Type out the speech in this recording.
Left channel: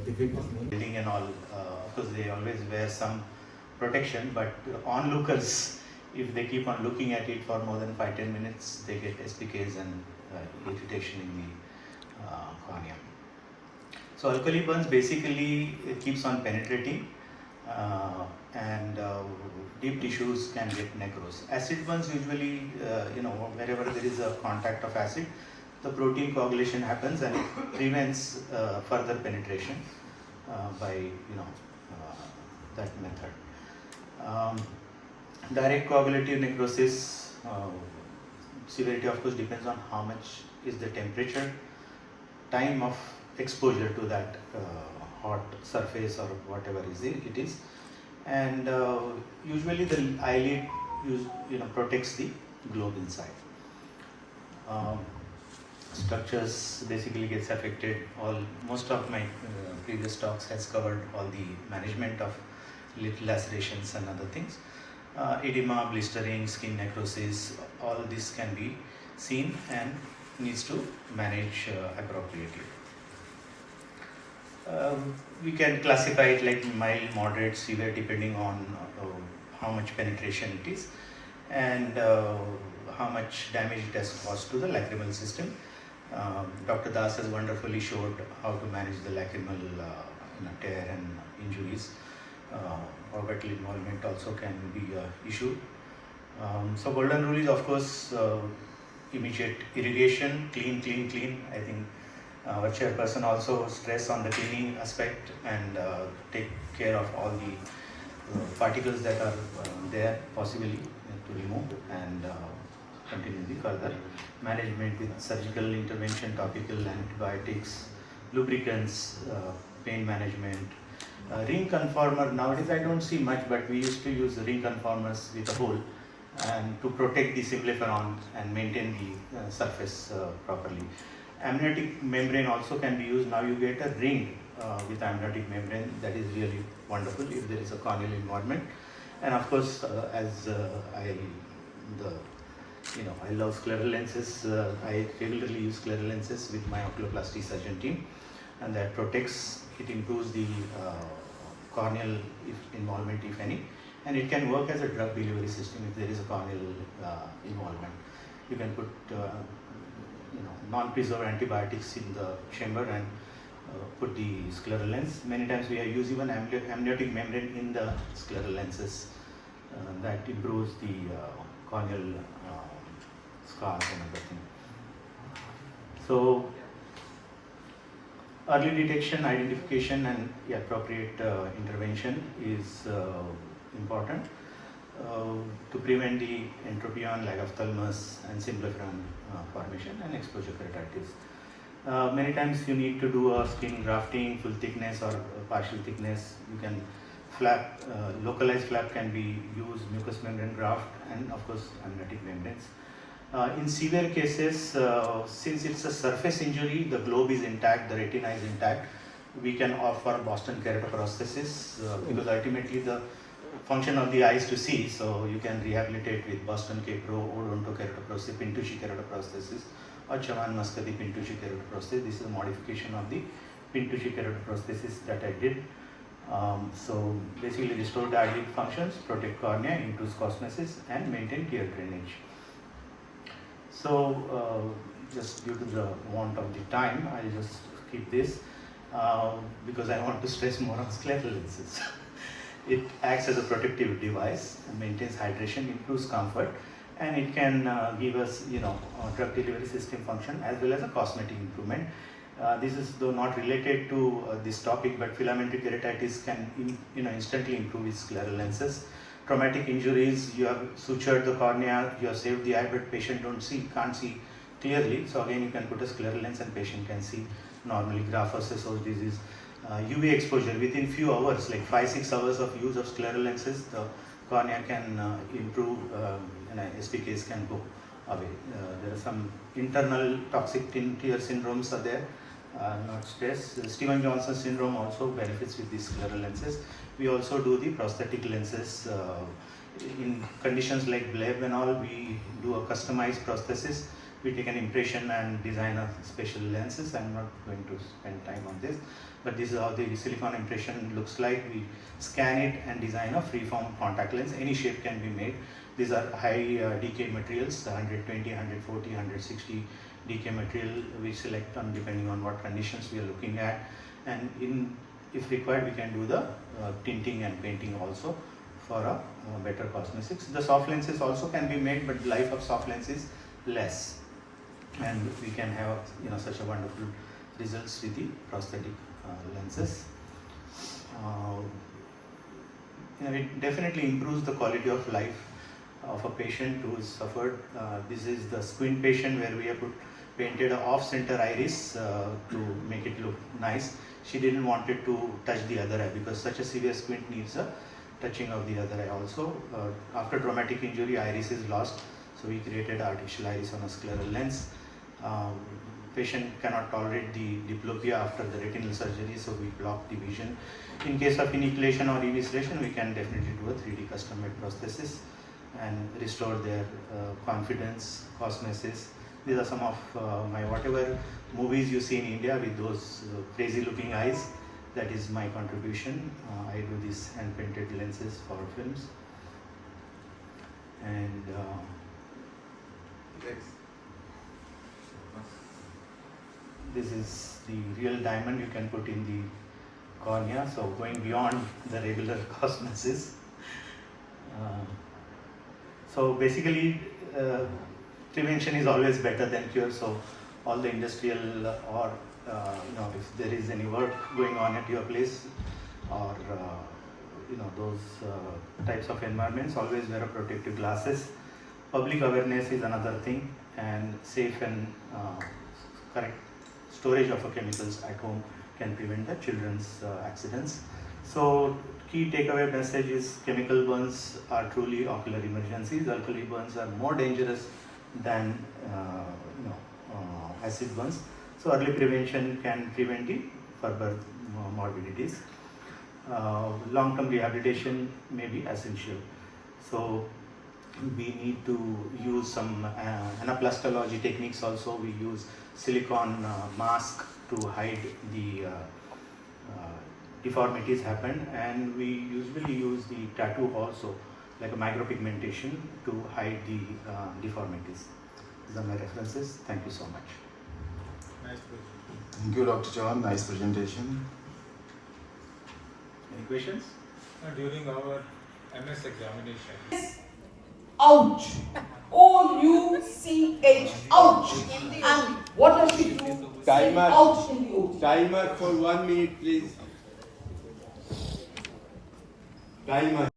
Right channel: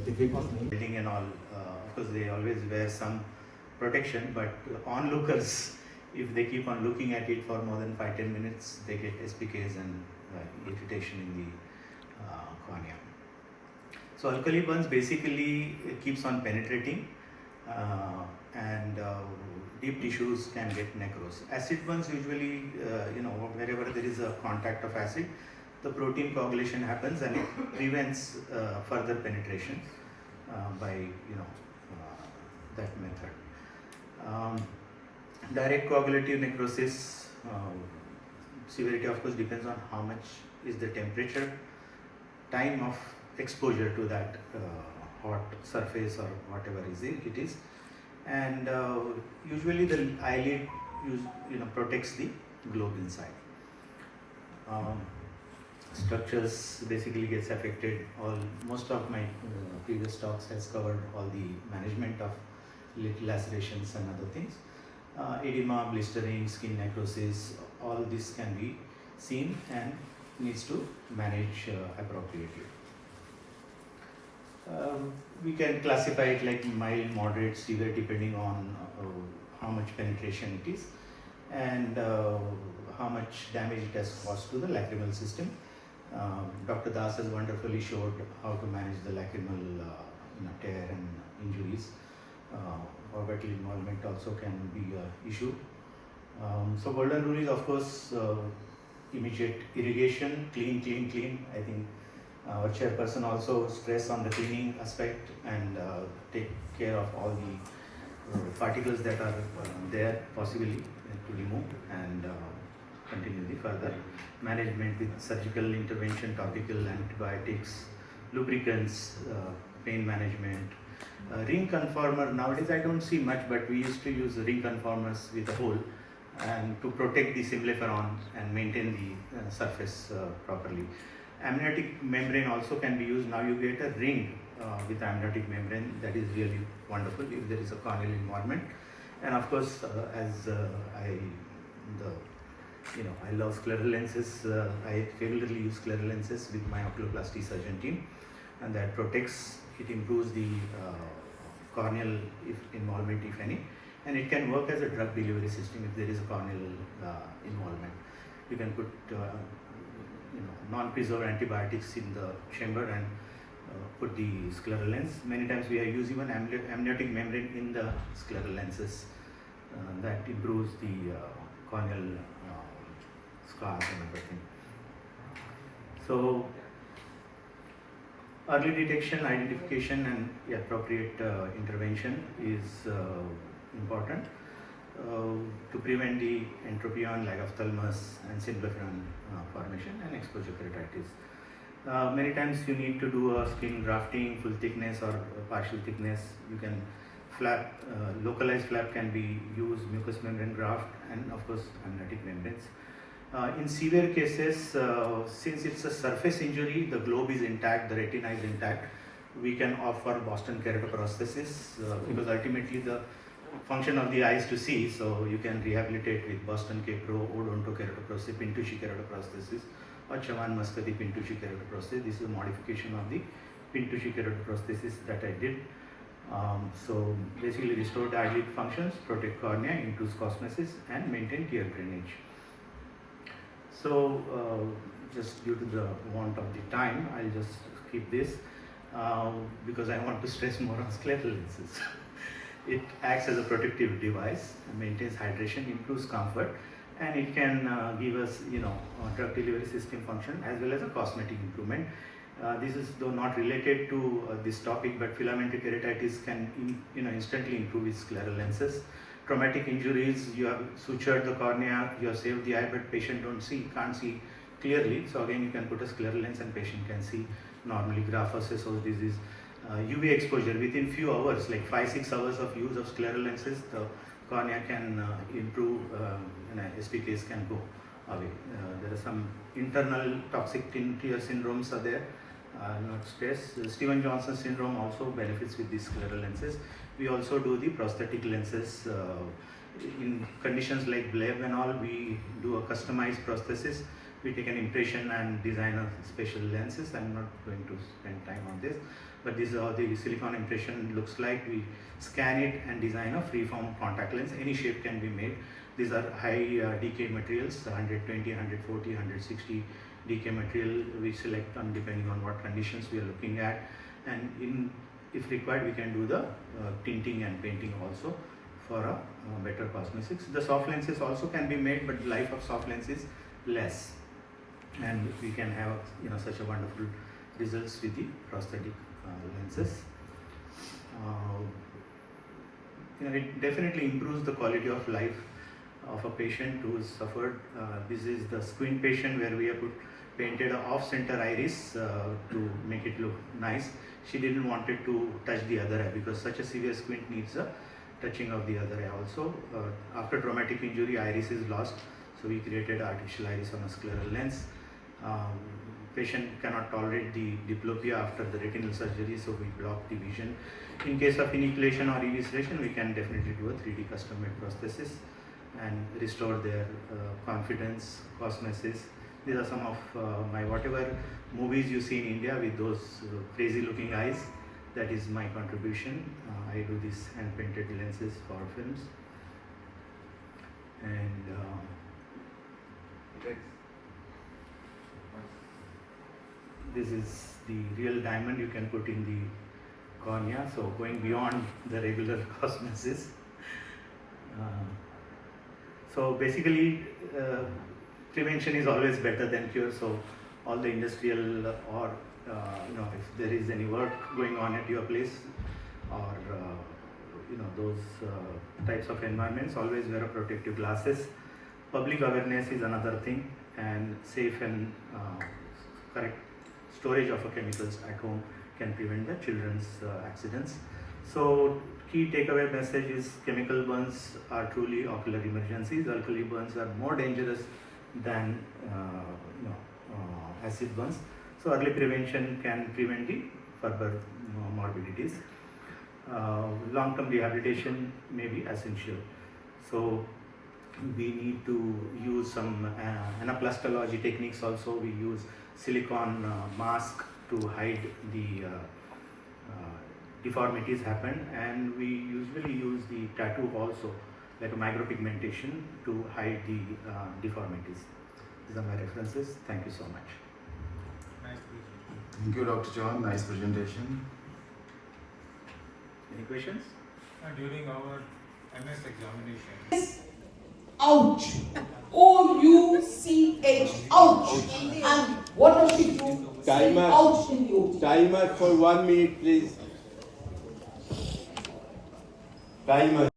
Building and all, of course, they always wear some protection, but onlookers, if they keep on looking at it for more than 5-10 minutes, they get SPKs and irritation in the cornea. So alkali burns basically it keeps on penetrating and deep tissues can get necrose. Acid burns usually, wherever there is a contact of acid, the protein coagulation happens and it prevents further penetration by that method. Direct coagulative necrosis, severity of course depends on how much is the temperature, time of exposure to that hot surface or whatever it is, and usually the eyelid protects the globe inside. Structures basically gets affected. Most of my previous talks has covered all the management of lid lacerations and other things. Edema, blistering, skin necrosis, all this can be seen and needs to manage appropriately. We can classify it like mild, moderate, severe depending on how much penetration it is and how much damage it has caused to the lacrimal system. Dr. Das has wonderfully showed how to manage the lacrimal tear and injuries. Orbital involvement also can be an issue. So golden rule is of course immediate irrigation, clean. I think our chairperson also stress on the cleaning aspect and take care of all the particles that are there possibly to remove and continue the further management with surgical intervention, topical antibiotics, lubricants, pain management. Ring conformer, nowadays I don't see much, but we used to use ring conformers with a hole and to protect the symblepharon and maintain the surface properly. Amniotic membrane also can be used. Now you get a ring with amniotic membrane, that is really wonderful if there is a corneal involvement. And of course, I love scleral lenses. I regularly use scleral lenses with my oculoplasty surgeon team, and that protects, it improves the corneal involvement if any, and it can work as a drug delivery system if there is a corneal involvement. You can put non-preserved antibiotics in the chamber and put the scleral lens. Many times we use even amniotic membrane in the scleral lenses. That improves the corneal scars and everything. So early detection, identification and appropriate intervention is important to prevent the entropion, lagophthalmus and symblepharon formation and exposure keratitis. Many times you need to do a skin grafting, full thickness or partial thickness. You can flap, localized flap can be used, mucous membrane graft and of course amniotic membranes. In severe cases, since it's a surface injury, the globe is intact, the retina is intact, we can offer Boston keratoprosthesis because ultimately the function of the eye is to see, so you can rehabilitate with Boston K-Pro, odontokeratoprosthesis, Pintucci keratoprosthesis or Chavan-Muscati Pintucci keratoprosthesis. This is a modification of the Pintucci keratoprosthesis that I did. So basically restore the eyelid functions, protect cornea, induce cosmesis and maintain tear drainage. So just due to the want of the time, I'll just keep this because I want to stress more on scleral lenses. It acts as a protective device, maintains hydration, improves comfort, and it can give us, drug delivery system function as well as a cosmetic improvement. This is though not related to this topic, but filamentary keratitis can, instantly improve with scleral lenses. Traumatic injuries, you have sutured the cornea, you have saved the eye, but patient can't see clearly. So again, you can put a scleral lens and patient can see normally. Graft-versus-host disease, UV exposure within few hours, like 5-6 hours of use of scleral lenses, the cornea can improve and SPKs can go away. There are some internal toxic tear syndromes are there, not stress. Stevens-Johnson syndrome also benefits with these scleral lenses. We also do the prosthetic lenses. In conditions like bleb and all, we do a customized prosthesis we take an impression and design a special lenses. I'm not going to spend time on this, but this is how the silicon impression looks like. We scan it and design a free-form contact lens. Any shape can be made. These are high decay materials, 120, 140, 160 decay material we select on depending on what conditions we are looking at, and if required we can do the tinting and painting also for a better cosmetics. The soft lenses also can be made, but the life of soft lens is less, and we can have such a wonderful results with the prosthetic lenses. It definitely improves the quality of life of a patient who suffered. This is the squint patient where we have painted an off-center iris to make it look nice. She didn't want it to touch the other eye because such a severe squint needs a touching of the other eye also. After traumatic injury, iris is lost, so we created artificial iris on a scleral lens. Patient cannot tolerate the diplopia after the retinal surgery, so we block the vision. In case of enucleation or evisceration, we can definitely do a 3D custom-made prosthesis and restore their confidence, cosmesis. These are some of my whatever movies you see in India with those crazy looking eyes. That is my contribution. I do these hand painted lenses for films. And this is the real diamond you can put in the cornea, so going beyond the regular cosmesis. So basically, prevention is always better than cure. So all the industrial or if there is any work going on at your place or those types of environments, always wear a protective glasses. Public awareness is another thing, and safe and correct storage of chemicals at home can prevent the children's accidents. So key takeaway message is chemical burns are truly ocular emergencies. Alkali burns are more dangerous than acid burns. So early prevention can prevent the further morbidities. Long-term rehabilitation may be essential. So we need to use some anaplastology techniques also. We use silicone mask to hide the deformities happen, and we usually use the tattoo also, like a micropigmentation, to hide the deformities. These are my references. Thank you so much. Thank you, Dr. John. Nice presentation. Any questions? During our MS examination. Ouch! O-U-C-H. Ouch! And what does she do? Timer. Ouch in the OT. Timer for 1 minute, please. Timer.